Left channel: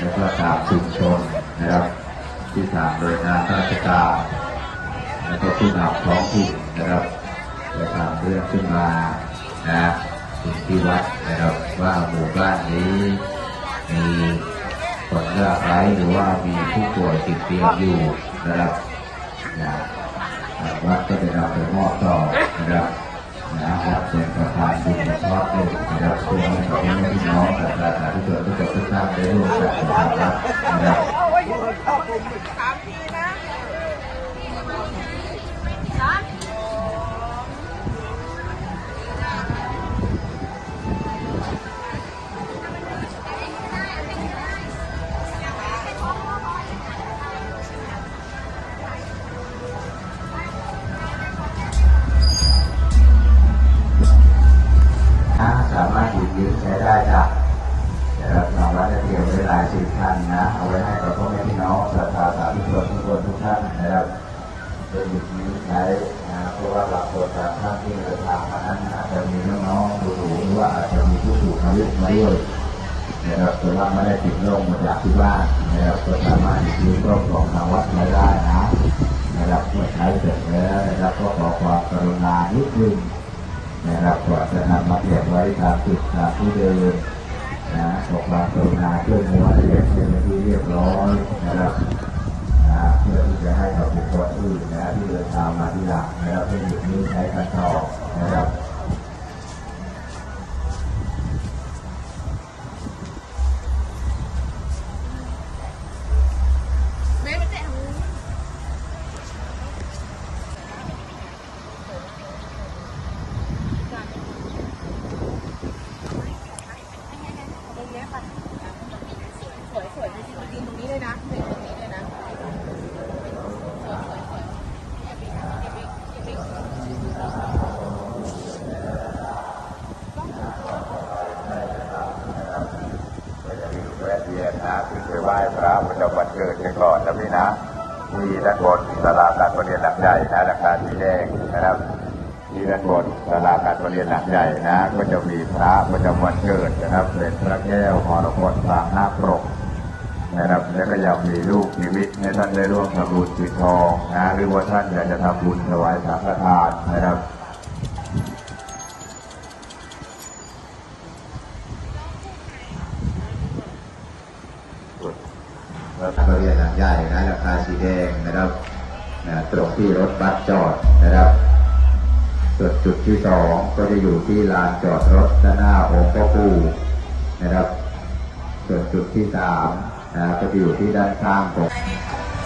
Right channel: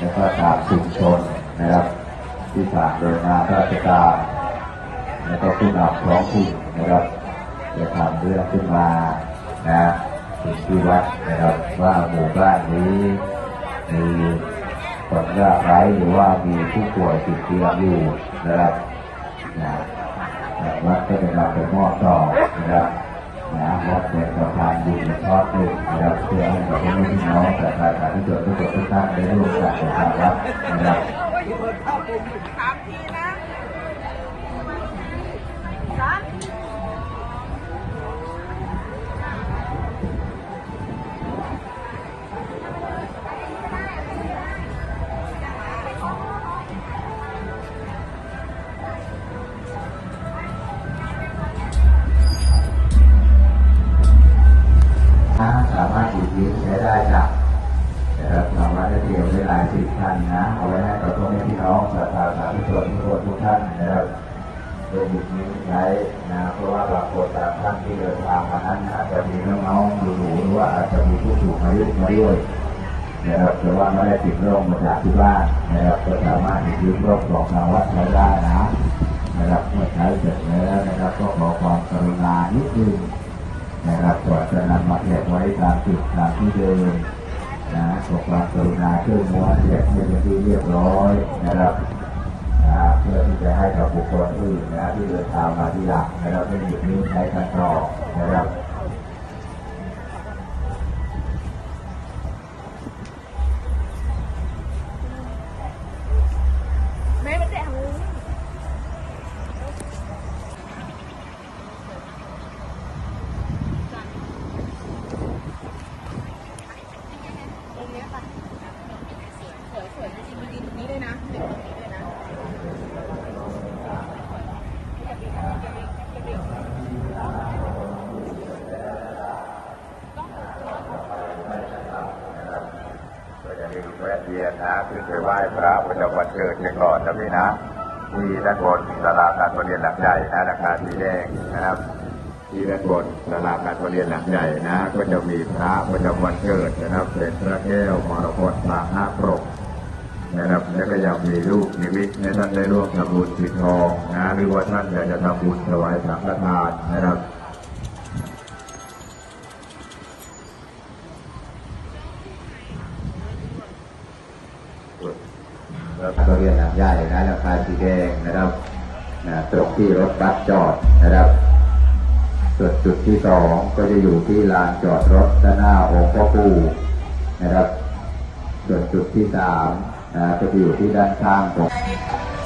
แล้วก็ตามชุมชนนะครับ ที่ทางโดยงานราชการแล้วก็ผู้นำท้องถิ่นนะครับจะทำเรื่องขึ้นมานะถึงที่วัดนะครับว่าหมู่บ้านนี้มีคนยากไร้หรือว่ามีผู้ป่วยติดเตียงอยู่นะครับนะวัดก็ได้นำไปมอบต่อนะครับนะวัดเป็นสะพานบุญ ทอดลูกนะครับเพื่อให้กับพี่น้องกับประชาชนทุกคนทุกท่านได้ร่วมกันทำรับนะครับ ยืมใช้ได้ครับนะครับทางวัดได้เตรียมไว้หลายสิบท่านนะ เอาไว้ให้กับพ่อแม่พี่น้องสาธาสาธุชนทุกคนทุกท่านนะครับได้หยิบยืมใช้นะเพราะว่าเราโคตรท่านที่เดินทางมานั้นอาจจะมีน้องๆอยู่หรือว่าอาจจะมีผู้ถูกมายุมาด้วยนะครับแต่ว่าไม่ได้ติดโรคมาจากที่บ้านนะครับก็สามารถหยิบยืมรถบอกมาวัดไม่ได้นะนะครับเมื่อใช้เสร็จแล้วนะครับก็ขอความกรุณานิดนึง นะครับก็จะนำมาเก็บไว้ตามจุดตามที่เดิมนะขอความกรุณาช่วยน้อเก็บให้เป็นที่เรียบร้อยนะครับนะเพื่อที่จะให้กับบุคคลอื่นนะที่เดินทางมาที่หลังนะครับให้หยุดนี้ใช้กันต่อนะครับ ก็จะรีบแวะเวียนนะขึ้นไปไหว้พระพุทธวันเกิดกันก่อนนะพี่นะที่ด้านบนศาลาการประเรียนหลักใหญ่นะนะครับที่แรกนะครับที่ด้านบนศาลาการประเรียนหลักใหญ่นะก็จะมีพระพุทธวันเกิดนะครับเสด็จพระแก้วมรกตกลางหน้าปรก นะครับแล้ก็ยังมีลูกมีฤทธิ์ในท่านได้ร่วมทำบุญจุดทองนะหรือว่าท่านอยากจะทำบุญถวายสังฆทานนะครับรถเรียนหลังใหญ่นะคาสีแดงนะครับจดที่รถรับจอดนะครับจุดจุดที่สองก็จะอยู่ที่ลานจอดรถด้านหน้าองค์พ่อปู่นะครับ ส่วนจุดที่สามนะก็จะอยู่ที่ด้านข้างของ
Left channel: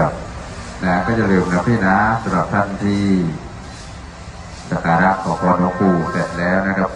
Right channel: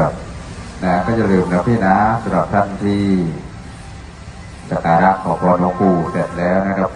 ดับนะก็จะลืมนะพี่นะสำหรับท่านที่สักการะขอพรหลวงปู่เสร็จแล้วนะครับ